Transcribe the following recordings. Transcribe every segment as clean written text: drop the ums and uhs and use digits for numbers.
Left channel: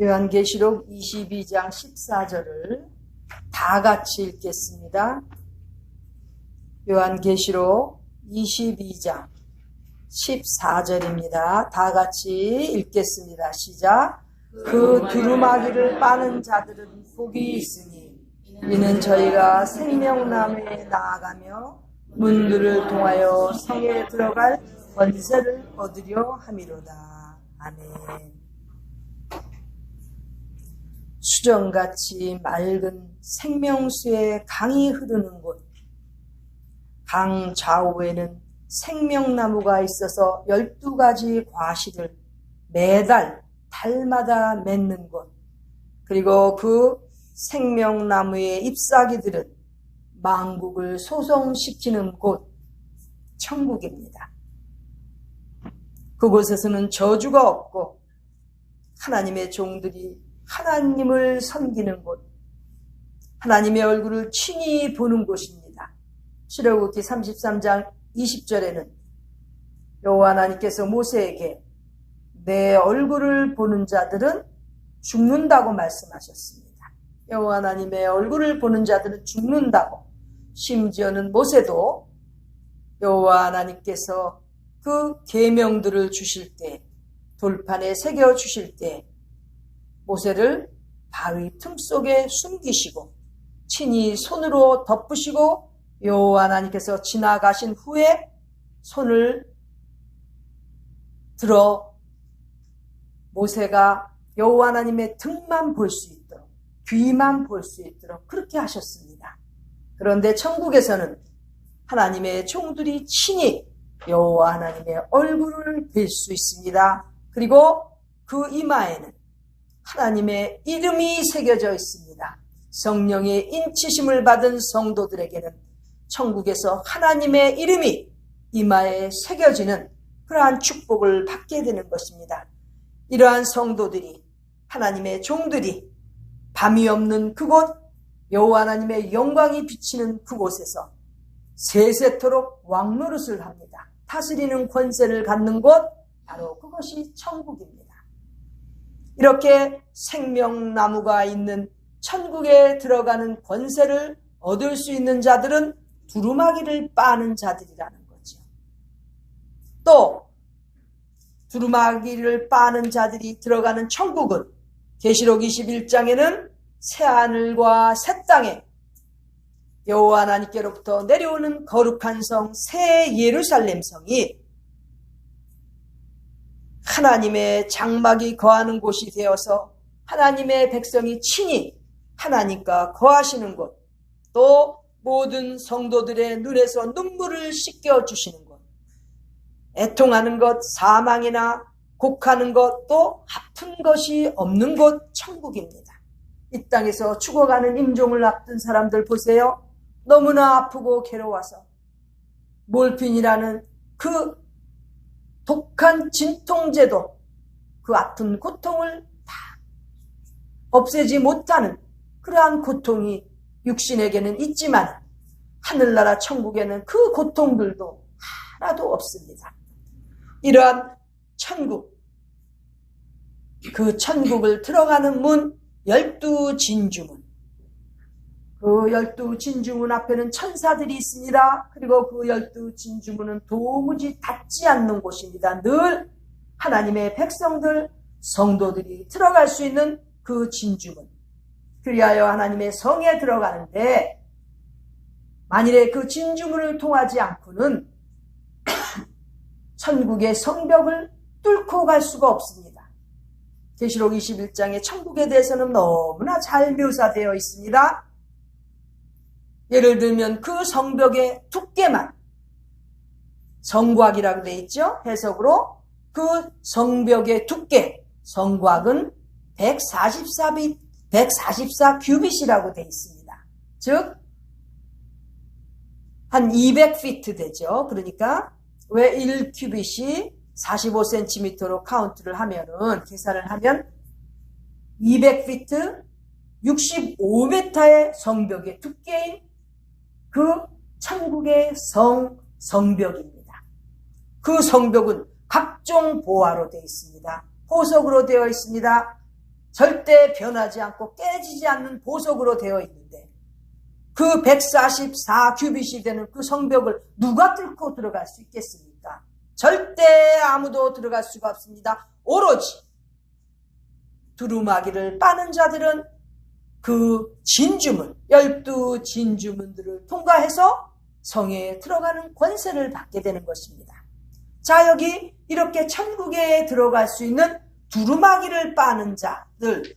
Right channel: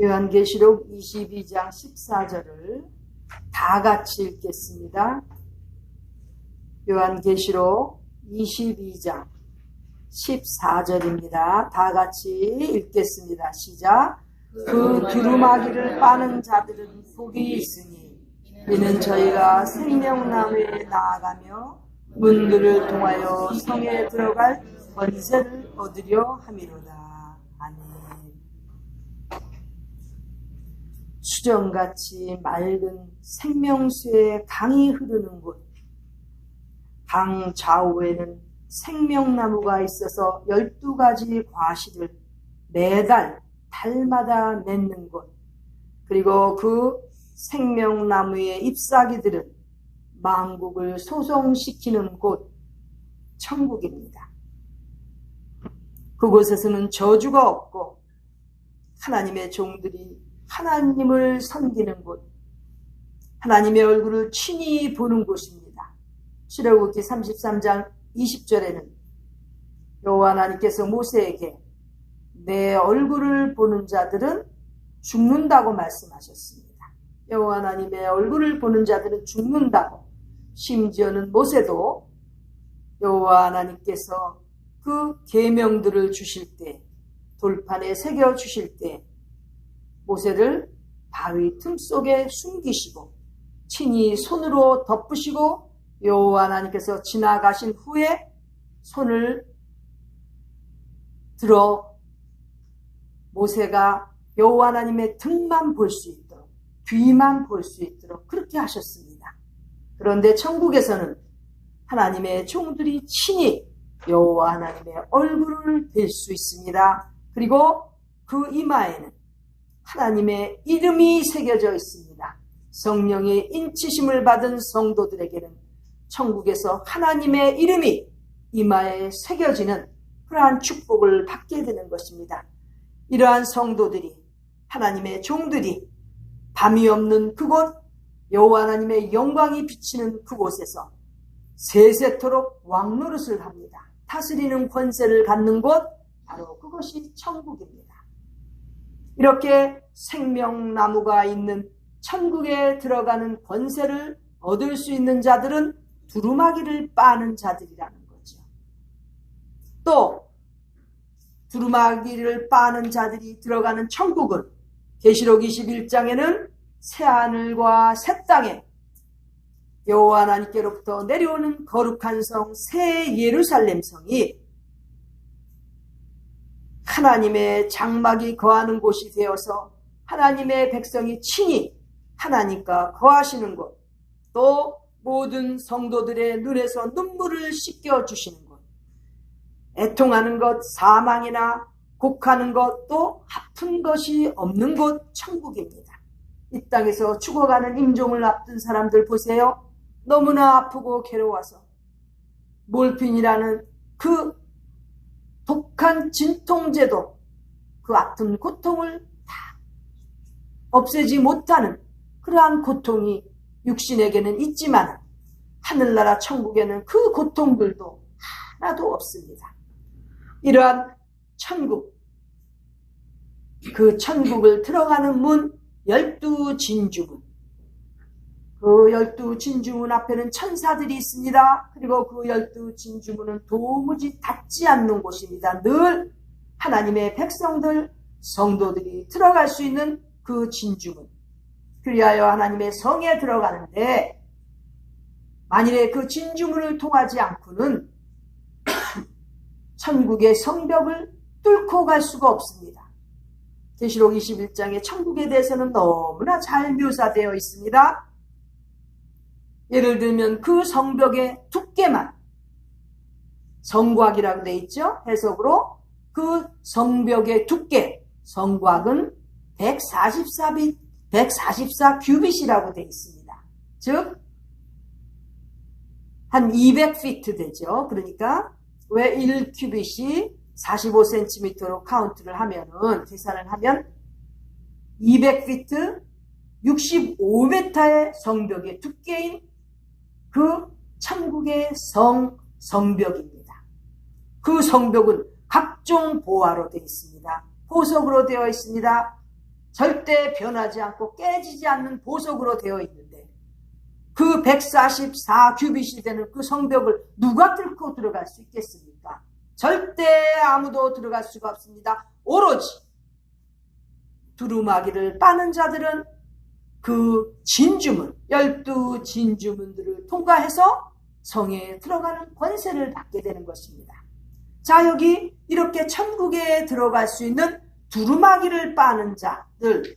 요한계시록 22장 14절을 다 같이 읽겠습니다. 요한계시록 22장 14절입니다. 다 같이 읽겠습니다. 시작. 그 두루마기를 빠는 자들은 복이 있으니 이는 저희가 생명나무에 나아가며 문들을 통하여 성에 들어갈 권세를 얻으려 함이로다. 아멘. 수정같이 맑은 생명수의 강이 흐르는 곳, 강 좌우에는 생명나무가 있어서 12가지 과실을 매달 달마다 맺는 곳, 그리고 그 생명나무의 잎사귀들은 만국을 소송시키는 곳, 천국입니다. 그곳에서는 저주가 없고 하나님의 종들이 하나님을 섬기는 곳, 하나님의 얼굴을 친히 보는 곳입니다. 출애굽기 33장 20절에는 여호와 하나님께서 모세에게 내 얼굴을 보는 자들은 죽는다고 말씀하셨습니다. 여호와 하나님의 얼굴을 보는 자들은 죽는다고. 심지어는 모세도 여호와 하나님께서 그 계명들을 주실 때, 돌판에 새겨 주실 때 모세를 바위 틈 속에 숨기시고 친히 손으로 덮으시고 여호와 하나님께서 지나가신 후에 손을 들어 모세가 여호와 하나님의 등만 볼 수 있도록, 뒤만 볼 수 있도록 그렇게 하셨습니다. 그런데 천국에서는 하나님의 종들이 친히 여호와 하나님의 얼굴을 뵐 수 있습니다. 그리고 그 이마에는 하나님의 이름이 새겨져 있습니다. 성령의 인치심을 받은 성도들에게는 천국에서 하나님의 이름이 이마에 새겨지는 그러한 축복을 받게 되는 것입니다. 이러한 성도들이, 하나님의 종들이 밤이 없는 그곳, 여호와 하나님의 영광이 비치는 그곳에서 세세토록 왕노릇을 합니다. 다스리는 권세를 갖는 곳, 바로 그것이 천국입니다. 이렇게 생명나무가 있는 천국에 들어가는 권세를 얻을 수 있는 자들은 두루마기를 빠는 자들이라는 거죠. 또 두루마기를 빠는 자들이 들어가는 천국은 계시록 21장에는 새하늘과 새 땅에 여호와 하나님께로부터 내려오는 거룩한 성 새 예루살렘 성이 하나님의 장막이 거하는 곳이 되어서 하나님의 백성이 친히 하나님과 거하시는 곳, 또 모든 성도들의 눈에서 눈물을 씻겨주시는 곳, 애통하는 것, 사망이나 곡하는 것, 또 아픈 것이 없는 곳, 천국입니다. 이 땅에서 죽어가는 임종을 앞둔 사람들 보세요. 너무나 아프고 괴로워서 몰핀이라는 그 독한 진통제도 그 아픈 고통을 다 없애지 못하는 그러한 고통이 육신에게는 있지만 하늘나라 천국에는 그 고통들도 하나도 없습니다. 이러한 천국, 그 천국을 들어가는 문 12진주문, 그 12진주문 앞에는 천사들이 있습니다. 그리고 그 12진주문은 도무지 닫지 않는 곳입니다. 늘 하나님의 백성들, 성도들이 들어갈 수 있는 그 진주문. 그리하여 하나님의 성에 들어가는데 만일에 그 진주문을 통하지 않고는 천국의 성벽을 뚫고 갈 수가 없습니다. 계시록 21장의 천국에 대해서는 너무나 잘 묘사되어 있습니다. 예를 들면 그 성벽의 두께만, 성곽이라고 되어 있죠. 해석으로 그 성벽의 두께, 성곽은 144 규빗이라고 되어 있습니다. 즉 한 200피트 되죠. 그러니까 왜 1규빗이 45cm로 카운트를 하면은, 계산을 하면 200피트 65m의 성벽의 두께인 그 천국의 성벽입니다. 그 성벽은 각종 보화로 되어 있습니다. 보석으로 되어 있습니다. 절대 변하지 않고 깨지지 않는 보석으로 되어 있는데 그 144 규빗이 되는 그 성벽을 누가 뚫고 들어갈 수 있겠습니까? 절대 아무도 들어갈 수가 없습니다. 오로지 두루마기를 빠는 자들은 그 진주문, 12 진주문들을 통과해서 성에 들어가는 권세를 받게 되는 것입니다. 자, 여기 이렇게 천국에 들어갈 수 있는 두루마기를 빠는 자들,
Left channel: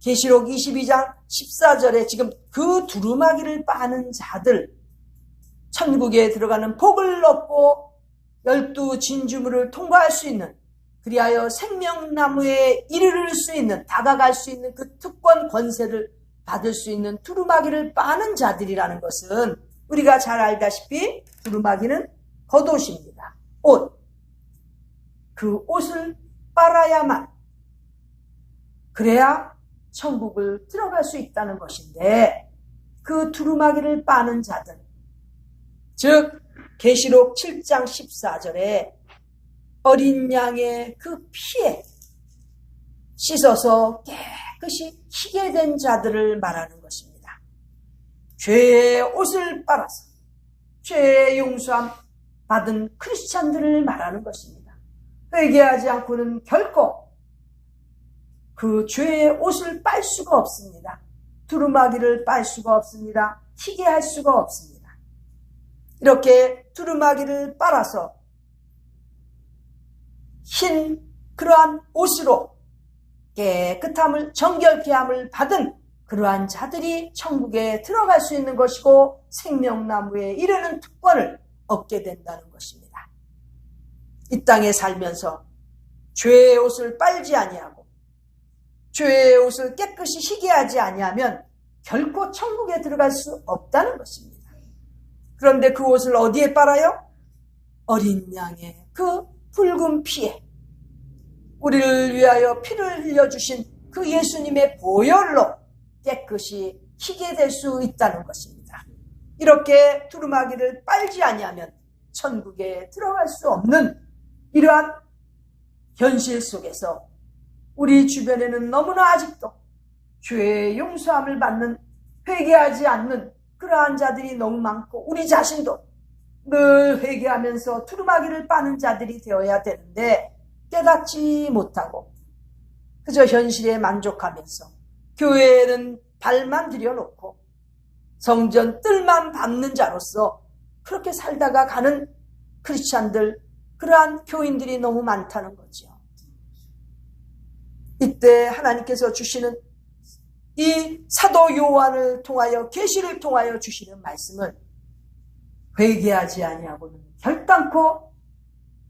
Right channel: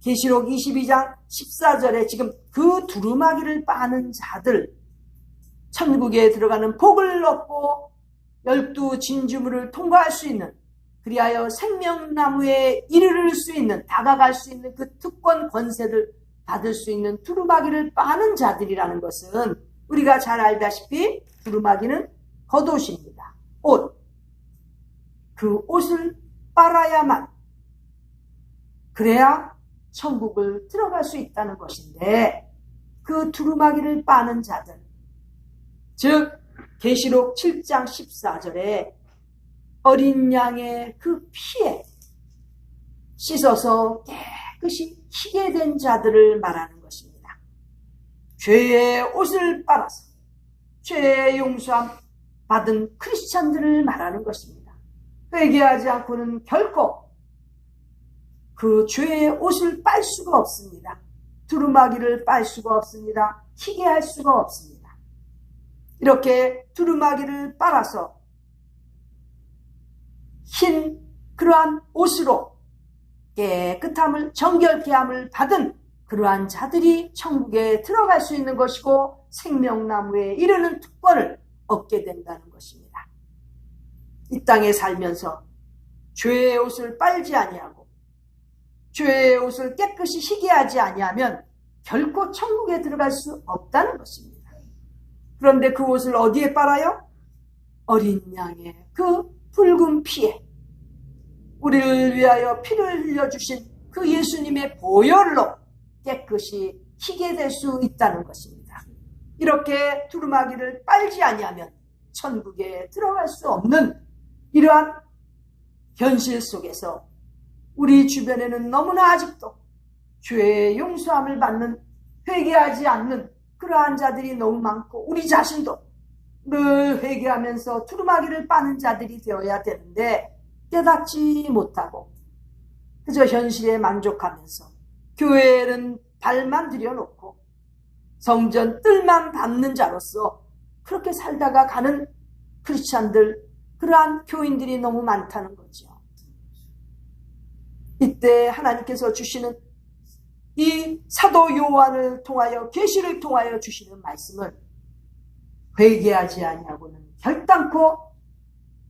계시록 22장 14절에 지금 그 두루마기를 빠는 자들, 천국에 들어가는 복을 얻고 12 진주문을 통과할 수 있는, 그리하여 생명나무에 이르를 수 있는, 다가갈 수 있는 그 특권 권세를 받을 수 있는 두루마기를 빠는 자들이라는 것은 우리가 잘 알다시피 두루마기는 겉옷입니다. 옷. 그 옷을 빨아야만, 그래야 천국을 들어갈 수 있다는 것인데, 그 두루마기를 빠는 자들, 즉 계시록 7장 14절에 어린 양의 그 피에 씻어서 깨끗이 희게 된 자들을 말하는 것입니다. 죄의 옷을 빨아서 죄의 용서함 받은 크리스찬들을 말하는 것입니다. 회개하지 않고는 결코 그 죄의 옷을 빨 수가 없습니다. 두루마기를 빨 수가 없습니다. 희게 할 수가 없습니다. 이렇게 두루마기를 빨아서 흰 그러한 옷으로 깨끗함을, 정결케 함을 받은 그러한 자들이 천국에 들어갈 수 있는 것이고 생명나무에 이르는 특권을 얻게 된다는 것입니다. 이 땅에 살면서 죄의 옷을 빨지 아니하고 죄의 옷을 깨끗이 희게 하지 아니하면 결코 천국에 들어갈 수 없다는 것입니다. 그런데 그 옷을 어디에 빨아요? 어린 양의 그 붉은 피에, 우리를 위하여 피를 흘려주신 그 예수님의 보혈로 깨끗이 희게 될 수 있다는 것입니다. 이렇게 두루마기를 빨지 아니하면 천국에 들어갈 수 없는 이러한 현실 속에서 우리 주변에는 너무나 아직도 죄의 용서함을 받는, 회개하지 않는 그러한 자들이 너무 많고, 우리 자신도 늘 회개하면서 두루마기를 빠는 자들이 되어야 되는데 깨닫지 못하고 그저 현실에 만족하면서 교회에는 발만 들여놓고 성전 뜰만 밟는 자로서 그렇게 살다가 가는 크리스찬들, 그러한 교인들이 너무 많다는 거죠. 이때 하나님께서 주시는 이 사도 요한을 통하여, 계시를 통하여 주시는 말씀은 회개하지 아니하고는 결단코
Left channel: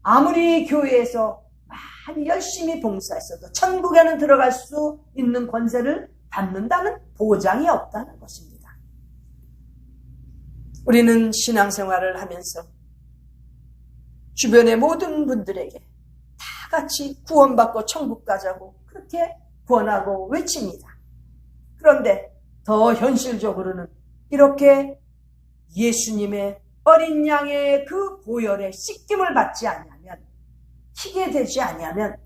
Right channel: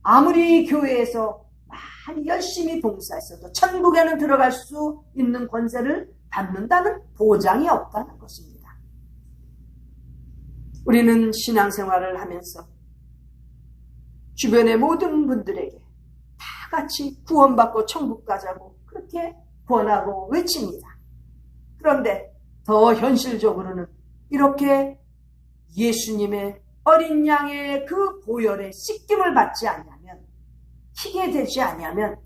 아무리 교회에서 많이 열심히 봉사했어도 천국에는 들어갈 수 있는 권세를 받는다는 보장이 없다는 것입니다. 우리는 신앙생활을 하면서 주변의 모든 분들에게 다 같이 구원받고 천국 가자고 그렇게 권하고 외칩니다. 그런데 더 현실적으로는 이렇게 예수님의 어린 양의 그 보혈에 씻김을 받지 않으면, 희게 되지 아니하면,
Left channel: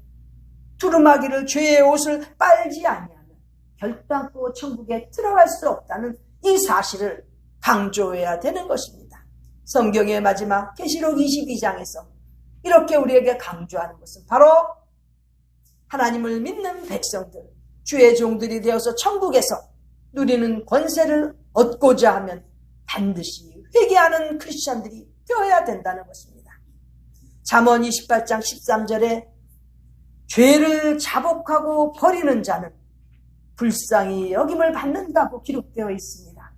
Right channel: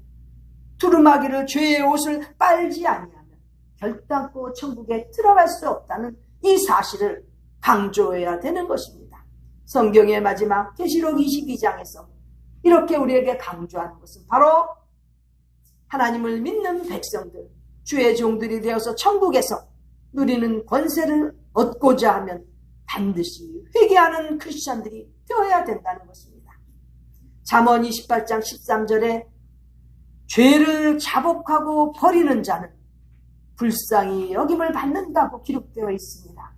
두루마기를, 죄의 옷을 빨지 아니하면 결단코 천국에 들어갈 수 없다는 이 사실을 강조해야 되는 것입니다. 성경의 마지막 계시록 22장에서 이렇게 우리에게 강조하는 것은 바로 하나님을 믿는 백성들, 주의 종들이 되어서 천국에서 누리는 권세를 얻고자 하면 반드시 회개하는 크리스찬들이 되어야 된다는 것입니다. 잠언 28장 13절에 죄를 자복하고 버리는 자는 불쌍히 여김을 받는다고 기록되어 있습니다.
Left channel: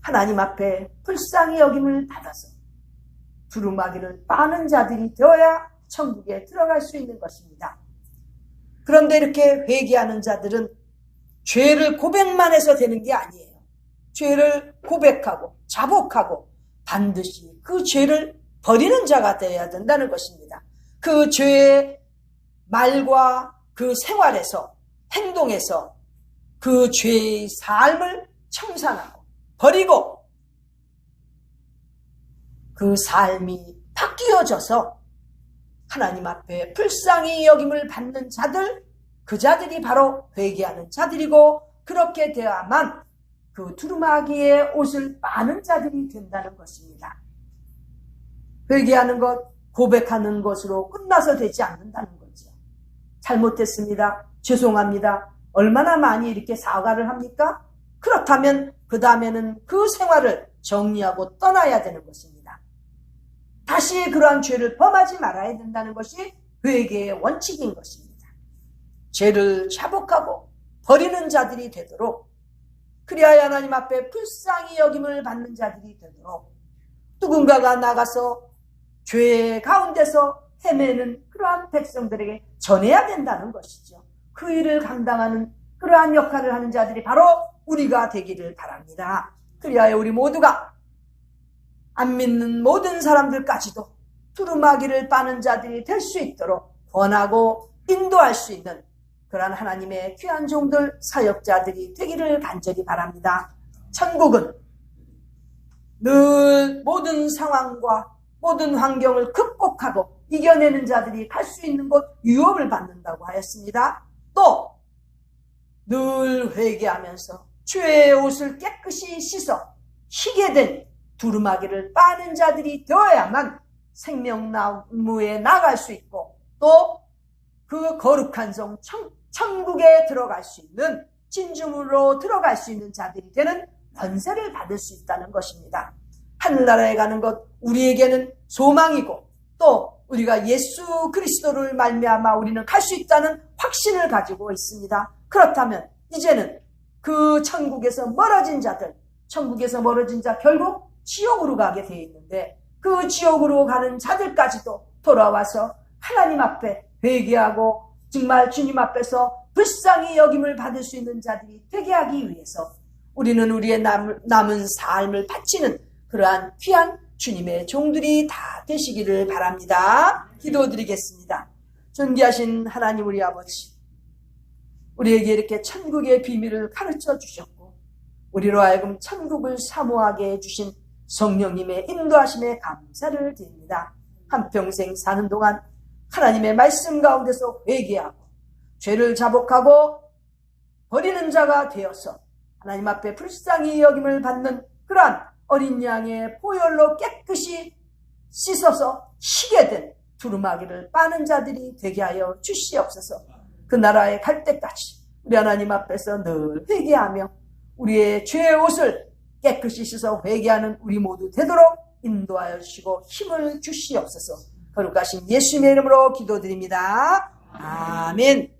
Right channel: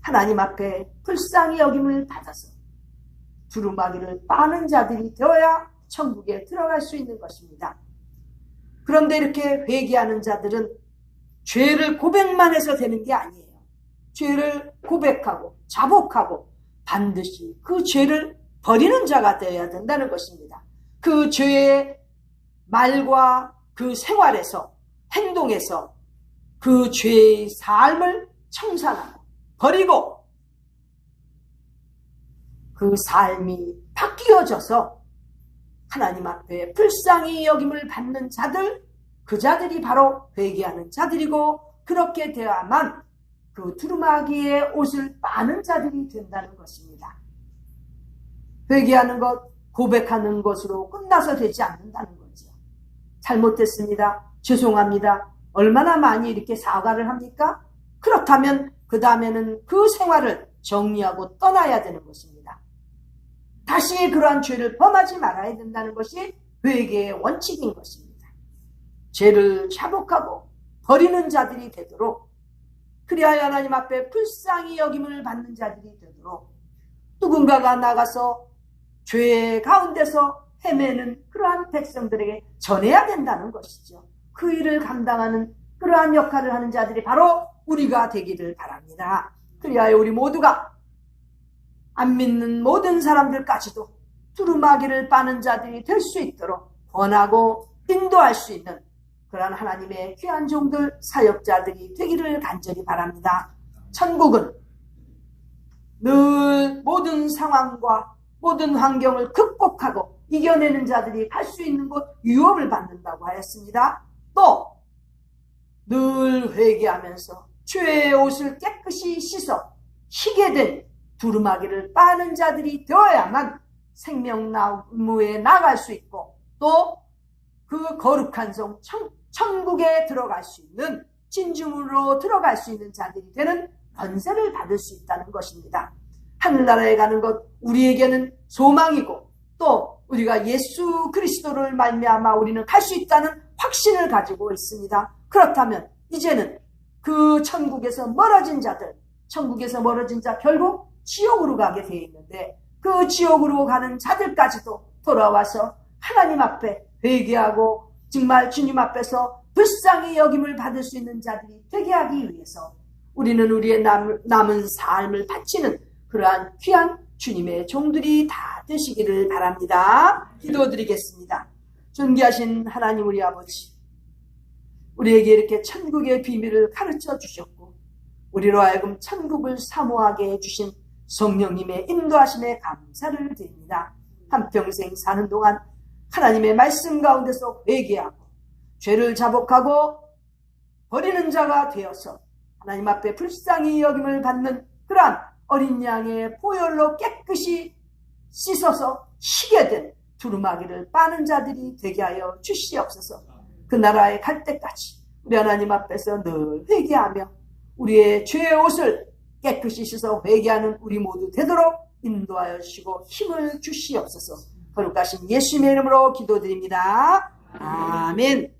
하나님 앞에 불쌍히 여김을 받아서 두루마기를 빠는 자들이 되어야 천국에 들어갈 수 있는 것입니다. 그런데 이렇게 회개하는 자들은 죄를 고백만 해서 되는 게 아니에요. 죄를 고백하고 자복하고 반드시 그 죄를 버리는 자가 되어야 된다는 것입니다. 그 죄의 말과 그 생활에서, 행동에서 그 죄의 삶을 청산하고 버리고 그 삶이 바뀌어져서 하나님 앞에 불쌍히 여김을 받는 자들, 그 자들이 바로 회개하는 자들이고, 그렇게 되어야만 그 두루마기의 옷을 빠는 자들이 된다는 것입니다. 회개하는 것, 고백하는 것으로 끝나서 되지 않는다는 거죠. 잘못했습니다. 죄송합니다. 얼마나 많이 이렇게 사과를 합니까? 그렇다면 그 다음에는 그 생활을 정리하고 떠나야 되는 것입니다. 다시 그러한 죄를 범하지 말아야 된다는 것이 회개의 원칙인 것입니다. 죄를 자복하고 버리는 자들이 되도록, 그리하여 하나님 앞에 불쌍히 여김을 받는 자들이 되도록 누군가가 나가서 죄 가운데서 헤매는 그러한 백성들에게 전해야 된다는 것이죠. 그 일을 감당하는 그러한 역할을 하는 자들이 바로 우리가 되기를 바랍니다. 그리하여 우리 모두가 안 믿는 모든 사람들까지도 두루마기를 빠는 자들이 될 수 있도록 권하고 인도할 수 있는 그러한 하나님의 귀한 종들, 사역자들이 되기를 간절히 바랍니다. 천국은 늘 모든 상황과 모든 환경을 극복하고 이겨내는 자들이 갈 수 있는 곳, 유업을 받는다고 하였습니다. 또 늘 회개하면서 죄의 옷을 깨끗이 씻어 희게 된 두루마기를 빠는 자들이 되어야만 생명나무에 나갈 수 있고, 또 그 거룩한 성 천국에 들어갈 수 있는, 진중으로 들어갈 수 있는 자들이 되는 권세를 받을 수 있다는 것입니다. 하늘나라에 가는 것, 우리에게는 소망이고, 또 우리가 예수 그리스도를 말미암아 우리는 갈 수 있다는 확신을 가지고 있습니다. 그렇다면 이제는 그 천국에서 멀어진 자들, 천국에서 멀어진 자 결국 지옥으로 가게 되어 있는데, 그 지옥으로 가는 자들까지도 돌아와서 하나님 앞에 회개하고 정말 주님 앞에서 불쌍히 여김을 받을 수 있는 자들이 되게 하기 위해서 우리는 우리의 남은 삶을 바치는 그러한 귀한 주님의 종들이 다 되시기를 바랍니다. 기도드리겠습니다. 존귀하신 하나님 우리 아버지, 우리에게 이렇게 천국의 비밀을 가르쳐 주셨고 우리로 하여금 천국을 사모하게 해주신 성령님의 인도하심에 감사를 드립니다. 한평생 사는 동안 하나님의 말씀 가운데서 회개하고 죄를 자복하고 버리는 자가 되어서 하나님 앞에 불쌍히 여김을 받는 그러한 어린 양의 보혈로 깨끗이 씻어서 희게 된 두루마기를 빠는 자들이 되게 하여 주시옵소서. 그 나라에 갈 때까지 우리 하나님 앞에서 늘 회개하며 우리의 죄의 옷을 깨끗이 씻어 회개하는 우리 모두 되도록 인도하여 주시고 힘을 주시옵소서. 거룩하신 예수님의 이름으로 기도드립니다. 아멘.